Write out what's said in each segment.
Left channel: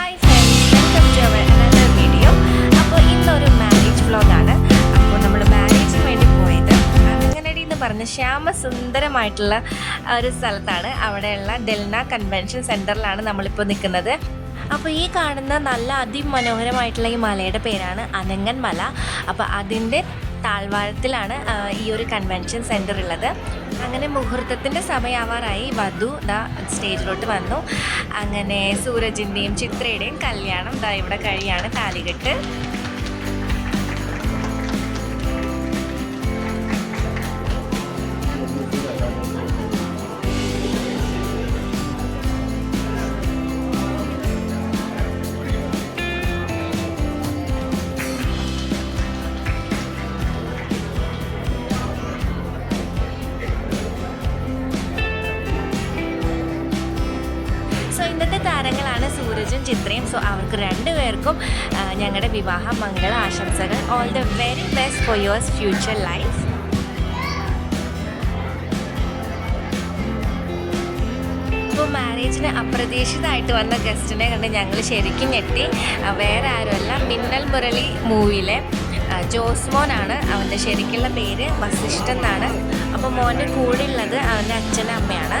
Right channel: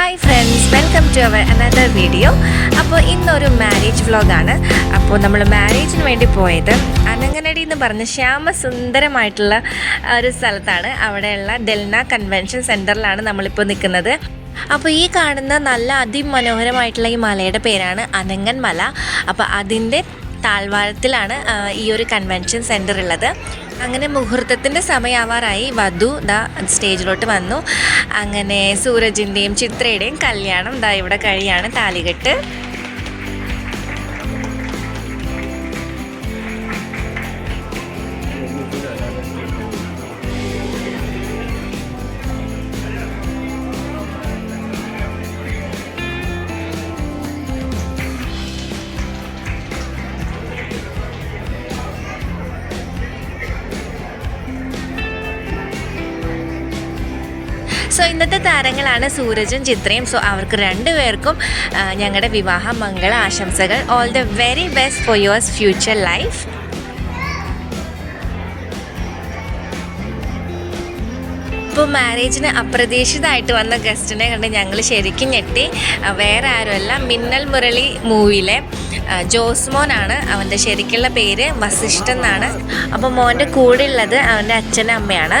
Hi friends welcome to our another video അപ്പോൾ ഇന്നൊരു marriage വ്ലോഗാണ് അപ്പോൾ നമ്മൾ മാരേജിന് വേണ്ടി പോയത് അനങ്ങനടി എന്ന് പറഞ്ഞ ശ്യാമസുന്ദരമായിട്ടുള്ള ഒരു സ്ഥലത്താണ്. അവിടെയുള്ള ഡെൽന കൺവെൻഷൻ സെന്ററിലാണ് നമ്മളിപ്പോൾ നിൽക്കുന്നത് അപ്പോൾ ഈ കാണുന്ന നല്ല അതിമനോഹരമായിട്ടുള്ള ഈ മലയുടെ പേരാണ് അനങ്ങൻ മല. അപ്പോൾ അതിന്റെ താഴ്വാരത്തിലാണ് ഈ ഒരു കൺവെൻഷൻ സെന്റർ ഉള്ളത്. അങ്ങനെ മുഹൂർത്തത്തിന്റെ സമയമാവാറായി വധു ദാ സ്റ്റേജിലോട്ട് വന്നു. അങ്ങനെ സൂരജിന്റെയും ചിത്രയുടെയും കല്യാണം ദാ ഇവിടെ കഴിയാണ് താലികെട്ട്. സോ ഇന്നത്തെ താരങ്ങളാണ് സൂരജും ചിത്രയും. സോ അവർക്ക് രണ്ടുപേർക്കും ഞങ്ങളുടെ വിവാഹ മംഗള ആശംസകൾ. All the very best for yours future life ഇപ്പോൾ മാരേജിന് അപ്രതീക്ഷിതമായിട്ട് വന്ന ഗസ്റ്റിനെ കണ്ട് ഞങ്ങൾ ശരിക്കും ഞെട്ടി. വേറെ ആരുമല്ല. മിന്നൽ മുരളി മൂവിയിലെ ജോസ്മോനാണ് അവന്റെ ശരിക്കുള്ള പേര് വസിഷ്ഠൻ എന്നാണ്. അപ്പോൾ മോന്റെ കൂടെ ഉള്ളത് അവന്റെ അച്ഛനും അമ്മയാണ്.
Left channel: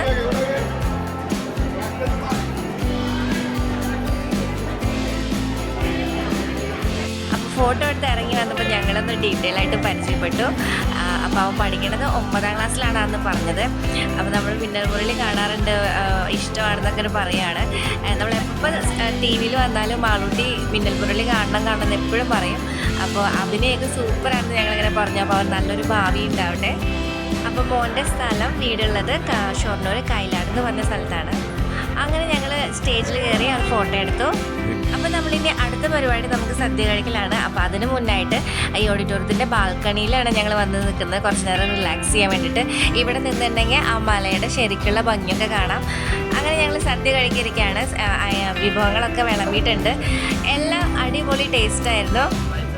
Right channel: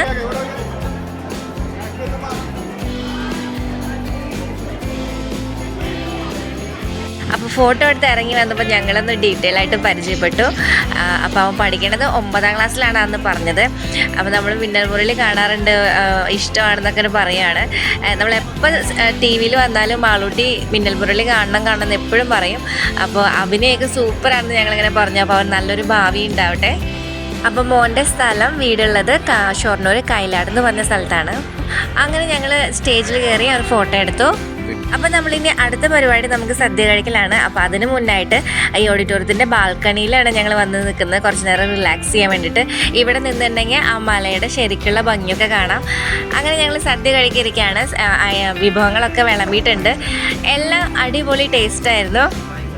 ഫോട്ടോ എടുത്ത് ഇറങ്ങി വന്നപ്പോൾ ഞങ്ങളൊന്ന് ഡീറ്റെയിൽ ആയിട്ട് പരിചയപ്പെട്ടു. അപ്പോൾ അവൻ പഠിക്കണത് ഒമ്പതാം ക്ലാസ്സിലാണ് അന്ന് പറഞ്ഞത്. അപ്പോൾ നമ്മൾ മിന്നൽ മുരളി കാണാറുണ്ട് ഇഷ്ടമാണെന്നൊക്കെ പറയുകയാണ് നമ്മൾ എപ്പോൾ ടി വിയിൽ വന്നാലും ആളുകൂട്ടി മിന്നൽ മുരളി കാണണം കാണണം എപ്പോഴും പറയും. അപ്പോൾ അഭിനയൊക്കെ സൂപ്പറാണെന്ന് ഞങ്ങളിങ്ങനെ പറഞ്ഞു. അപ്പോൾ അവൻ നല്ലൊരു ഭാവി ഉണ്ടാവട്ടെ. അപ്പോൾ മോന്റെ സ്ഥലം വീടുള്ളത് ഷൊർണൂർ കൈലാട് എന്ന് പറഞ്ഞ സ്ഥലത്താണ്. അങ്ങനെ ഞങ്ങൾ സ്റ്റേജിൽ കയറി അത് ഫോട്ടോ എടുത്തു. അപ്പോൾ നമ്മളിനി അടുത്ത പരിപാടി നമുക്ക് സദ്യ കഴിക്കലാണ്. അപ്പോൾ അതിന് മുന്നായിട്ട് ഈ ഓഡിറ്റോറിയത്തിന്റെ ബാൽക്കണിയിലാണ് ഞങ്ങൾ വന്ന് നിൽക്കുന്നത്. കുറച്ച് നേരം റിലാക്സ് ചെയ്യാൻ വേണ്ടിയിട്ട്. ഇവിടെ നിന്നുണ്ടെങ്കിൽ ആ മലയുടെ ശരിക്കുള്ള ഭംഗിയൊക്കെ കാണാം. അങ്ങനെ ഞങ്ങൾ സദ്യ കഴിക്കിരിക്കുകയാണ്. വിഭവങ്ങളൊക്കെ വിളമ്പിയിട്ടുണ്ട്. എല്ലാം അടിപൊളി ടേസ്റ്റായിരുന്നു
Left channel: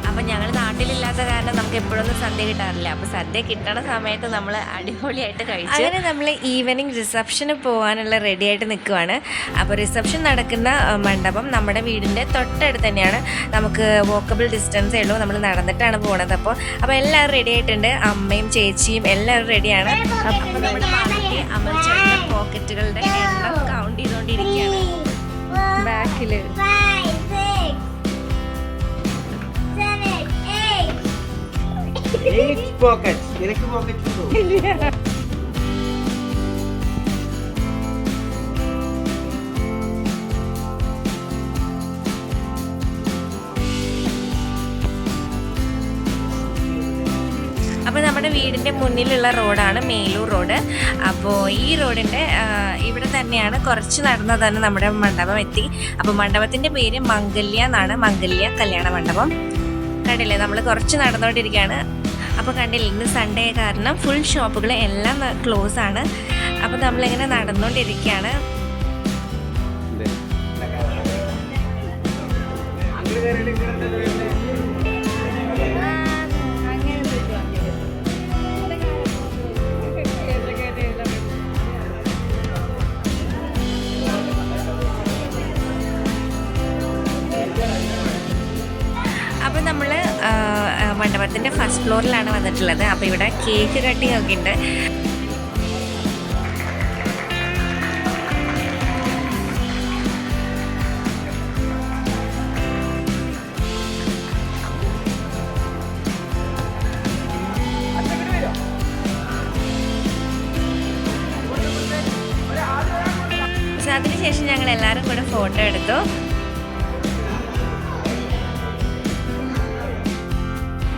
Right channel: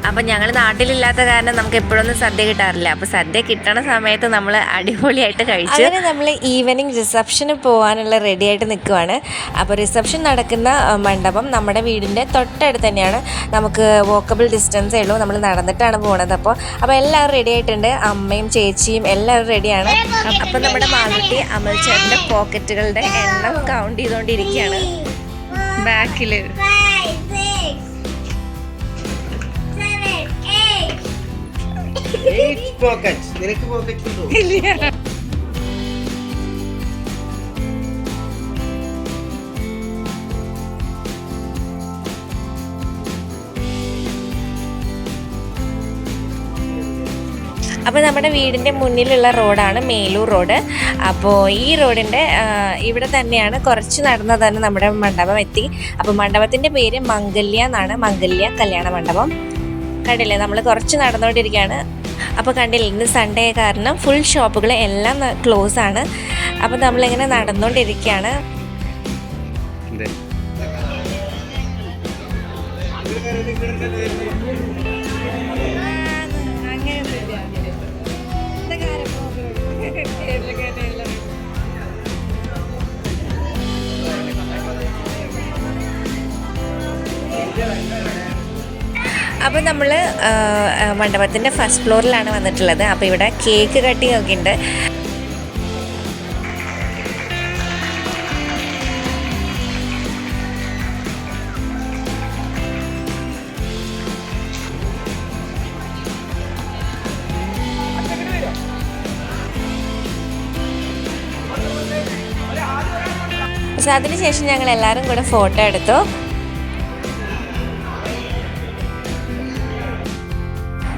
അപ്പം ഞങ്ങൾ നാട്ടിലില്ലാത്ത കാരണം നമുക്ക് എപ്പോഴൊന്നും സദ്യ കിട്ടാറില്ല. അപ്പോൾ സദ്യ കിട്ടണ സമയത്ത് നമ്മൾ അടിപൊളിയായിട്ട് കഴിച്ചു അങ്ങനെ നമ്മൾ ഈവനിങ് റിസപ്ഷന് പോകാനുള്ള റെഡി ആയിട്ട് നിൽക്കുവാണ് അപ്പോൾ റിസപ്ഷൻ നടക്കുന്ന മണ്ഡപം നമ്മുടെ വീടിന്റെ തൊട്ടടുത്ത് തന്നെയാണ്. നമുക്ക് വോക്കബിൾ ഡിസ്റ്റൻസേ ഉള്ളൂ. നമ്മൾ നടന്നിട്ടാണ് പോണത് അപ്പോൾ അപ്പോൾ എല്ലാവരും റെഡി ആയിട്ടുണ്ട്. അമ്മയും ചേച്ചിയും എല്ലാവരും റെഡിയാണ് അപ്പോൾ നമ്മുടെ അമൽ ചേട്ടന്റെ പോക്കറ്റുകളുടെ എണ്ണം കൗണ്ട് ചെയ്തുകൊണ്ടിരിക്കുകയാണ് ബാക്കിൽ നിനക്ക് പോക്കറ്റ് ഉണ്ടോ? അപ്പോൾ നമ്മുടെ വീടിന്റെ മുന്നിലുള്ള റോഡാണ് മേലൂർ റോഡ്. അപ്പോൾ ഈ റോഡിന്റെ ഇവിടെ തന്നെയാണ് കുറച്ച് നടന്ന തന്നെ നമ്മുടെ മണ്ഡപം എത്തി. അപ്പോൾ മണ്ഡപത്തിന്റെ പേര് മംഗല്യ എന്നാണ്. മംഗല്യ കല്യാണ മണ്ഡപം. കണ്ടില്ലേ? നമ്മൾ കുറച്ച് നടന്നുകൊണ്ടിരിക്കുകയാണ് അപ്പോൾ കണ്ടില്ല ഇന്ന് സൺഡേ കാരണം ഫുൾ ഷോപ്പുകൾ എല്ലാം ക്ലോസ് ആണ് അപ്പോൾ നമ്മളിങ്ങനെ നടന്നുകൊണ്ടിരിക്കുകയാണ് ഉണ്ട്. അപ്പോൾ നമ്മൾ മണ്ഡപത്തിന്റെ ഫസ്റ്റ് ഫ്ലോറിലാണ് വന്നിട്ടുള്ളത്. അപ്പോൾ ഇവിടെ കേക്ക് കട്ടിങ് ഒക്കെ ഉണ്ട് അതിനുശേഷം ഞങ്ങൾ എല്ലാവരും കൂടെ ഫോട്ടോ എടുത്തു.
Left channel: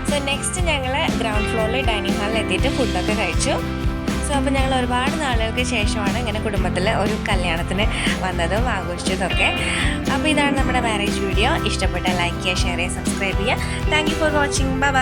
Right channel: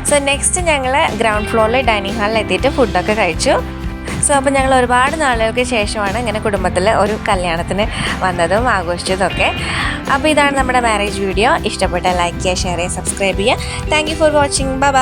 സോ നെക്സ്റ്റ് ഞങ്ങൾ ഗ്രൗണ്ട് ഫ്ലോറിൽ ഡൈനിങ് ഹാളിൽ എത്തിയിട്ട് ഫുഡൊക്കെ കഴിച്ചു. സോ അപ്പോൾ ഞങ്ങൾ ഒരുപാട് നാളുകൾക്ക് ശേഷമാണ് ഇങ്ങനെ കുടുംബത്തിൽ ഒരു കല്യാണത്തിന് വന്നതും ആഘോഷിച്ചതൊക്കെ. അപ്പോൾ ഇതാണ് നമ്മുടെ മാരേജ് വീഡിയോ ഇഷ്ടപ്പെട്ട ലൈക്ക് ചെയ്യുക ഷെയർ ചെയ്യുക സബ്സ്ക്രൈബ് ചെയ്യുക. Thank you for watching bye